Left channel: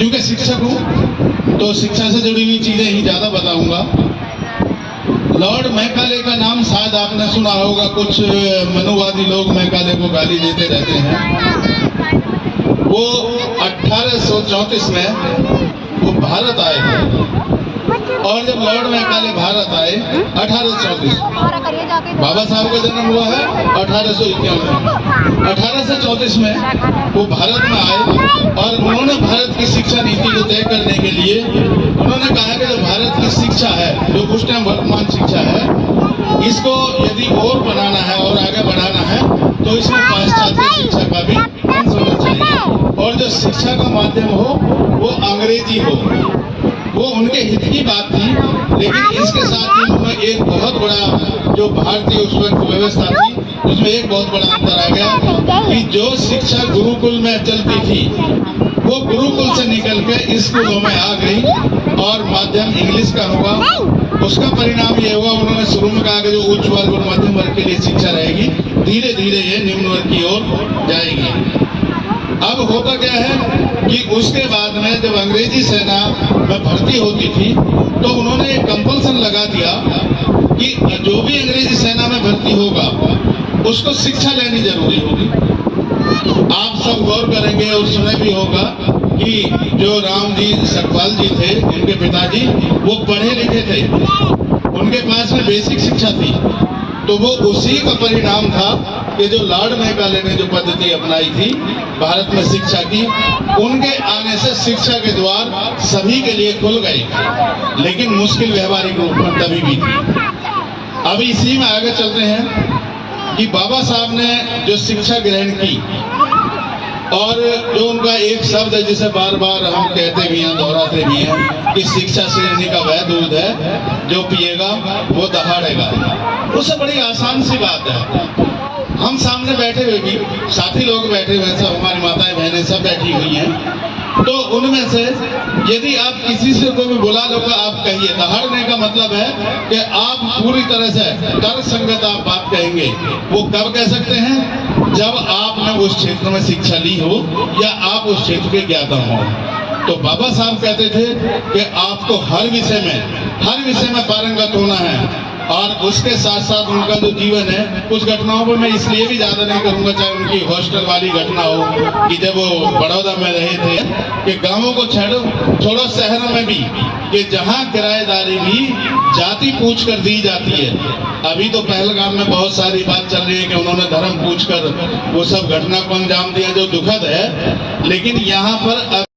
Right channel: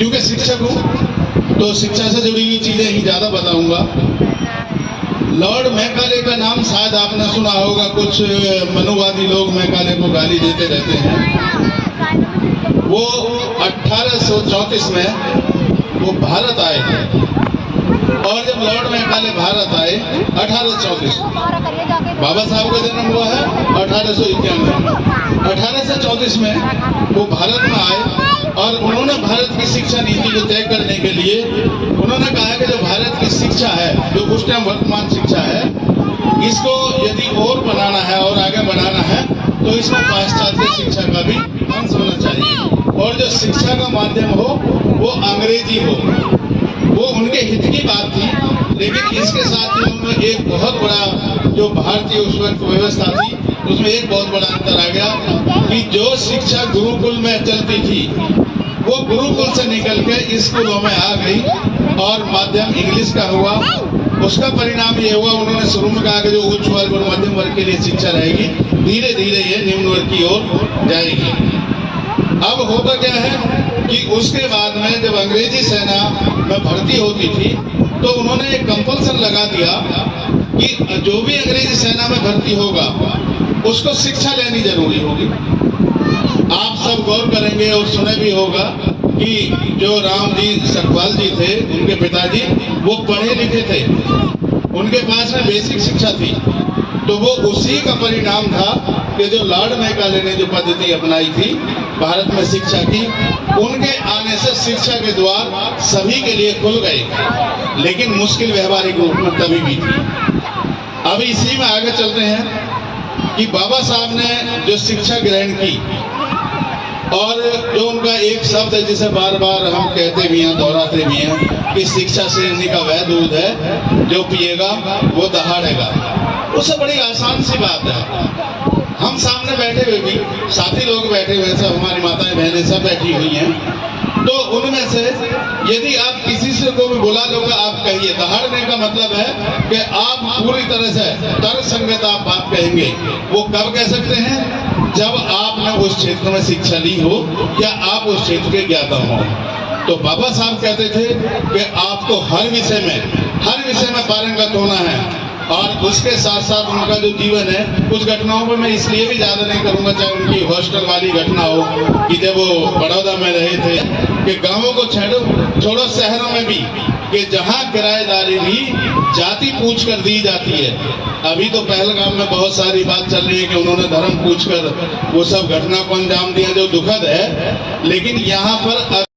क्योंकि शिक्षक हूँ तो शिक्षा से जुड़ी हुई चीजें ही ज्यादा बताऊंगा। लॉर्ड मैकाले का नाम शायद आपने सुना होगा, कुछ मनुवादी लोग मैकाले को गाली देते रहते हैं। वो 1834 में वो भारत आए थे, और जब लॉर्ड मैकाले भारत आए 1834, बाबा साहब का जन्म हुआ है 1891, 1834 में वो भारत में आए और उन्होंने भारत की शिक्षा नीति को तय करने के लिए उन्होंने कहा कि जो भारत की शिक्षा है, जो उस टाइम वर्तमान शिक्षा है, इसको यदि और बनाना है और आगे बढ़ाना है तो इसमें पाश्चात्य शिक्षा का भी अंश होना चाहिए, और जो शिक्षा का माध्यम हो वो अंग्रेजी हो। वो उनके हित की बात थी, लेकिन इसके साथ ही उन्होंने एक बहुत बड़ा जो भारतीय उस वक्त व्यवस्था थी उसमें एक बहुत बड़ा अंतर आ गया कि जो शिक्षा गुरुकुल में चलती थी वो गुरुकुल से निकल के स्कूलों में आ गई और माध्यम इंग्लिश का हुआ। उसका परिणाम ये हुआ, उन्होंने शुरू में कहा कि जो उच्च वर्ग और मध्यम वर्ग के लिए शिक्षा रहेगी, धीरे धीरे ये निम्न वर्ग की ओर जाएगी। अब होता क्या है कि उसके बाद में जब अंग्रेजी सेना में भर्ती होती थी तो उन्होंने एक कंपल्सन लगा दिया कि जो भी अंग्रेजी सेना में भर्ती होगा उसको शिक्षा लेनी जरूरी होगी। आप सब गौर करेंगे और सुने भी होगा कि जो राम जी सकपाल जी थे, उनके पिताजी वो पढ़े लिखे थे, उनके पास में बेसिक शिक्षा थी, तो वो उसी का परिणाम था कि जो लॉर्ड मैकाले ने जो पद्धति अपनाई थी भारत में शिक्षा की, उनके आने से शिक्षा के द्वार सभी के लिए खुल गए, लेकिन मुश्किल व्यवहारिक रूप में तभी भी थी। अब इसी में आगे चलते हैं कि बाबा साहब ने जो शिक्षा ग्रहण की और जो उनका एक शब्द है जिसे बार बार हम कहते भी हैं, दोहराते भी हैं कि शिक्षा शेरनी का वह दूध है जो पिएगा वो दहाड़ेगा। उससे बड़ी आसान सी बात है, हम सामने बैठे हुए भी साथी लोग बैठे हुए, सब हमारी माताएं बहनें सब बैठी हुई हैं, तो उनमें से यदि आप किसी से को भी बुला लो कि आप कहिए, दहाड़ने का मतलब है कि आप पूरी तरह से तर्क संगत आप बात कहेंगे। वो कब कह सकते हैं? जब आपने उस क्षेत्र में शिक्षा ली हो या आप उस क्षेत्र के ज्ञाता हो। तो बाबा साहब कहते थे कि आपको हर विषय में पारंगत होना है, और उसके साथ साथ उनका जो जीवन है, कुछ घटनाओं पर मैं इसलिए भी ज्यादा नहीं करूंगा, चाहे उनकी हॉस्टल वाली घटना हो कि जब वो बड़ौदा में रहे थे कि गांवों को छोड़ो शहरों में भी, कि जहां किराएदारी भी जाति पूछ कर दी जाती है। अभी तो पहलगाम में बहुत सारी बात चल रही है कि उन्होंने धर्म पूछ कर वो सब घटना को अंजाम दिया, जो दुखद है, लेकिन यहाँ पर